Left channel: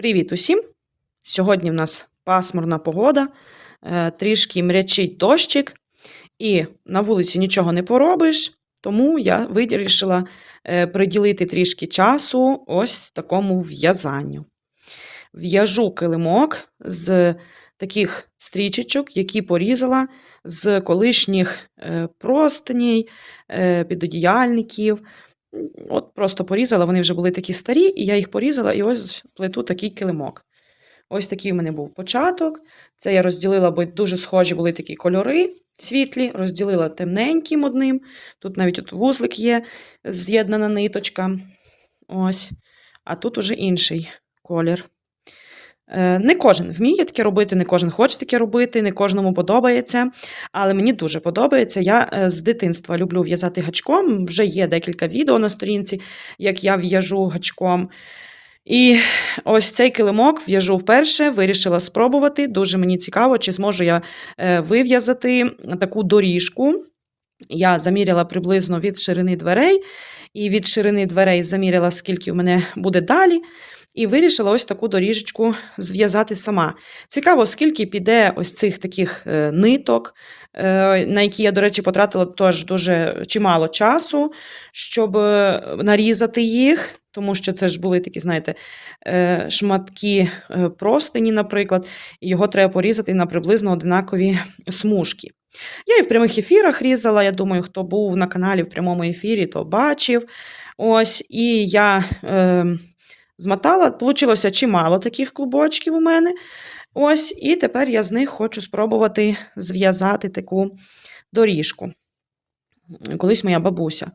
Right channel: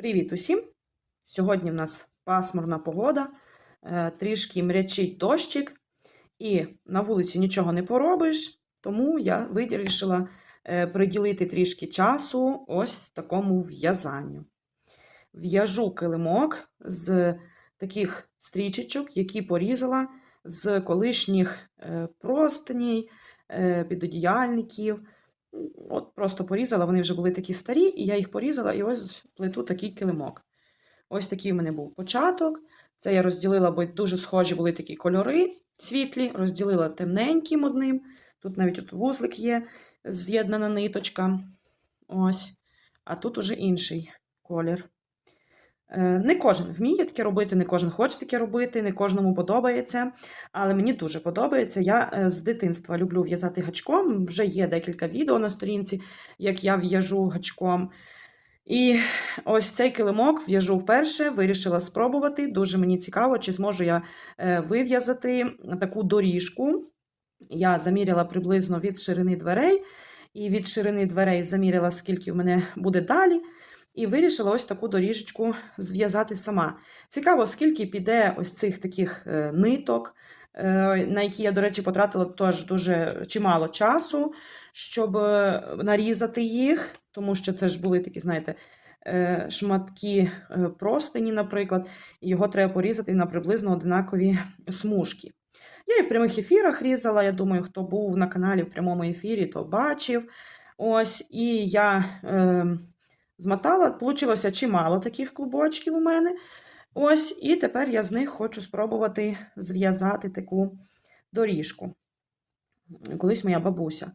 Привіт усім! Сьогодні в нас пасмурна погода, е, трішки мрячить дощик, і на вулиці нічого не поробиш, тому я вирішила е, приділити трішки часу ось такому в'язанню. В'яжу килимок з таких стрічечок, які порізала з колишніх е, простиней, е, підодіяльників. От просто порізала, вони вже були такі старі, і я їх порізала, і ось плету такий килимок. Ось такий в мене був початок. Це я розділила, бо дуже схожі були такі кольори світлі, розділила темненьким одним. Тут навіть от вузлик є, з'єднана ниточка. Ось. А тут уже інший колір. Е, Не кожен вміє таке робити, не кожен хоче таке робити, не кожному подобається. Але мені дуже подобається. Я е, з дитинства люблю в'язати гачком. Вже є декілька відео на сторінці, як я в'яжу гачком. І ось цей килимок в'яжу вперше, вирішила спробувати. Дуже мені цікаво, чи зможу я е, вив'язати таку доріжку. Я заміряла приблизно від ширини дверей, і від ширини дверей заміряла, скільки в мене буде далі. І вирішила ось таку доріжечку зв'язати сама. Цікаво, скільки піде ось цих таких е, ниток, е, на які я, до речі, потратила теж дуже чимало часу, щоб е, нарізати їх, тому що це ж були такі, знаєте, шматки простині, наприклад, і його треба порізати на приблизно одинакові смужки. Я і в прямих ефірах різала. Я думаю, хто був на каналі в прямому ефірі, то бачив. Ось, і я. Е, змотала. Получилося чимало таких клубочків у мене. Ось, І тепер я з них хочу спробувати зв'язати таку доріжку. Колись моя бабуся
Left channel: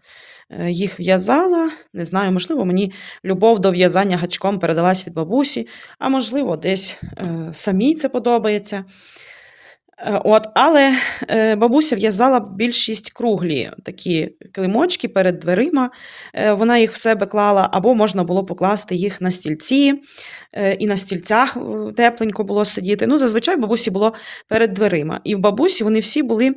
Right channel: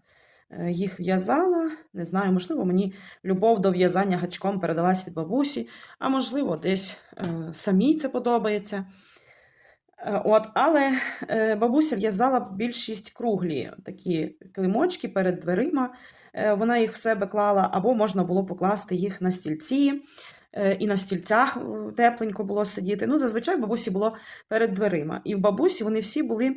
е, їх в'язала. Не знаю, можливо, мені любов до в'язання гачком передалась від бабусі, а можливо, десь е, самій це подобається. Е, От, Але е, бабуся в'язала більшість круглі такі килимочки перед дверима. Е, Вона їх в себе клала, або можна було покласти їх на стільці, і на стільцях тепленько було сидіти. Ну, Зазвичай бабусі було перед дверима. І в бабусі вони всі були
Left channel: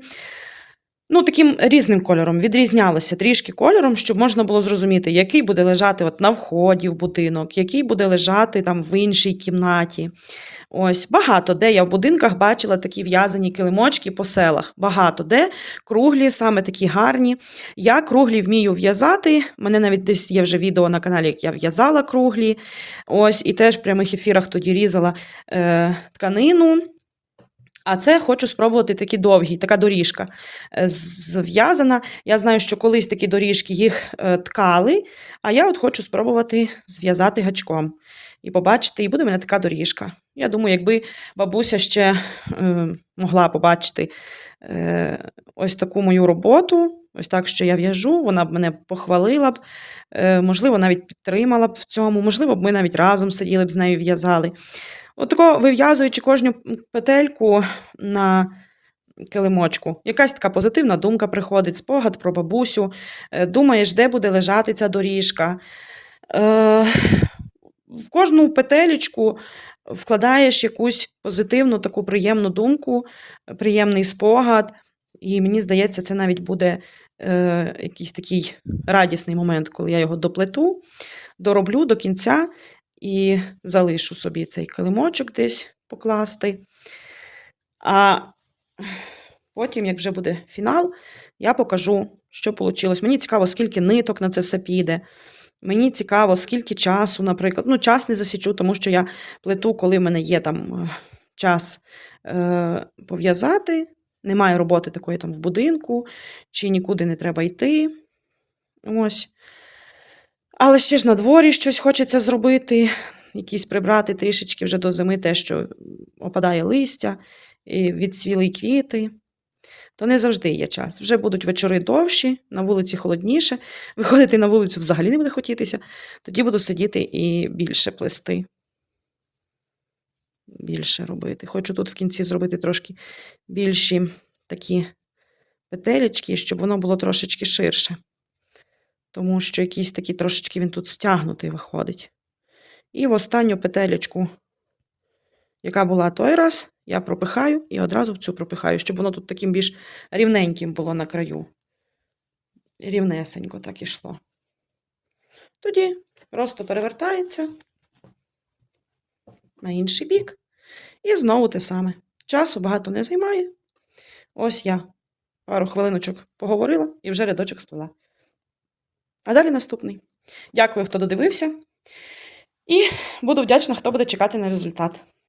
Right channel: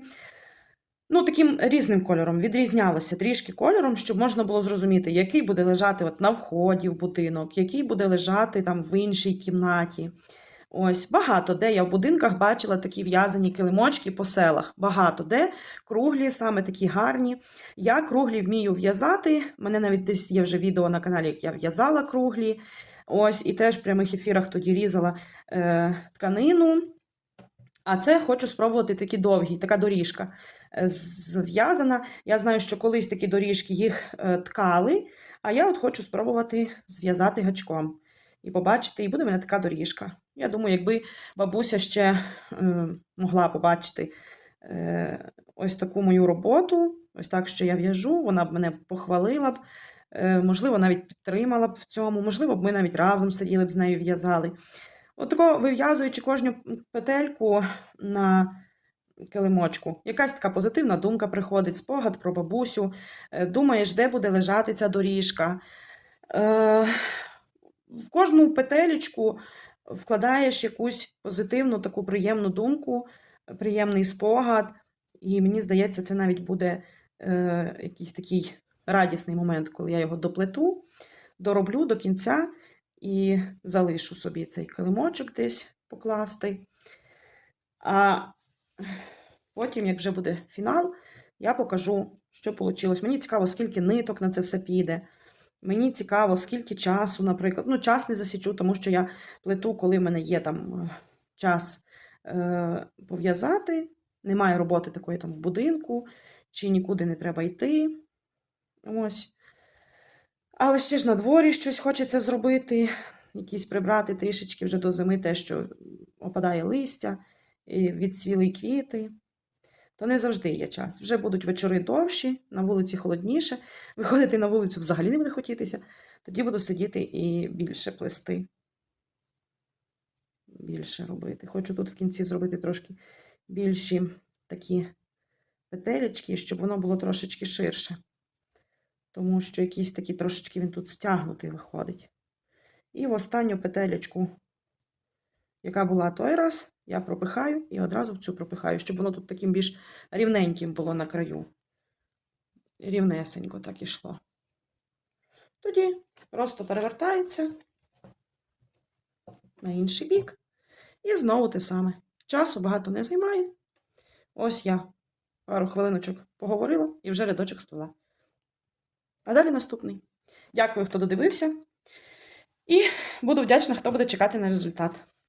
ну, таким різним кольором, відрізнялися трішки кольором, щоб можна було зрозуміти, який буде лежати от на вході в будинок, який буде лежати там в іншій кімнаті. Ось багато де я в будинках бачила такі в'язані килимочки по селах. Багато де круглі, саме такі гарні. Я круглі вмію в'язати. Мене навіть десь є вже відео на каналі, як я в'язала круглі. Ось, і теж в прямих ефірах тоді різала е, тканину. А це хочу спробувати такі довгі, така доріжка е, зв'язана. Я знаю, що колись такі доріжки їх е, ткали, а я от хочу спробувати зв'язати гачком. І побачити, і буде в мене така доріжка. Я думаю, якби бабуся ще е, могла побачити е, ось таку мою роботу, ось так, що я в'яжу, вона б мене похвалила б, е, можливо, навіть підтримала б в цьому, можливо, б ми навіть разом сиділи б з нею в'язали. Отако, вив'язуючи кожну петельку на килимочку, якась така позитивна думка приходить, спогад про бабусю, е, думаєш, де буде лежати ця доріжка. Е, в кожну петелечку вкладаєш якусь позитивну, таку приємну думку, приємний спогад, і мені здається, це навіть буде е, якийсь такий радісний момент, коли я його доплету, дороблю до кінця і залишу собі цей килимочок десь покласти. А потім, як вже буде фінал, я покажу, що вийшло. Мені цікаво, скільки ниток на це все піде. Мені цікаво, скільки часу, наприклад. Ну, час не засічу, тому що я плету, коли в мене є там е, час е, пов'язати. Немає роботи такої там в будинку, чи нікуди не треба йти. Ось. Але ще ж на дворі щось хочеться зробити, якісь прибрати трішечки вже до зими те, що опадає листя, і відцвіли квіти. То не завжди є час. Вже будуть вечори довші, на вулиці холодніше. Виходити на вулицю взагалі не буде хотітися. Тоді буду сидіти і більше плести. Більше робити. Хочу тут в кінці зробити трошки більші такі петелечки, щоб воно було трошечки ширше. Тому що якийсь такий трошечки він тут стягнутий виходить. І в останню петелечку, яка була той раз, я пропихаю і одразу цю пропихаю, щоб воно тут таким більш рівненьким було на краю. Рівнесенько так ішло. Тоді просто перевертається. на інший бік. І знову те саме. Часу багато не займає. Ось я пару хвилиночок поговорила і вже рядочок стола. А далі наступний. Дякую, хто додивився. І буду вдячна, хто буде чекати на результат.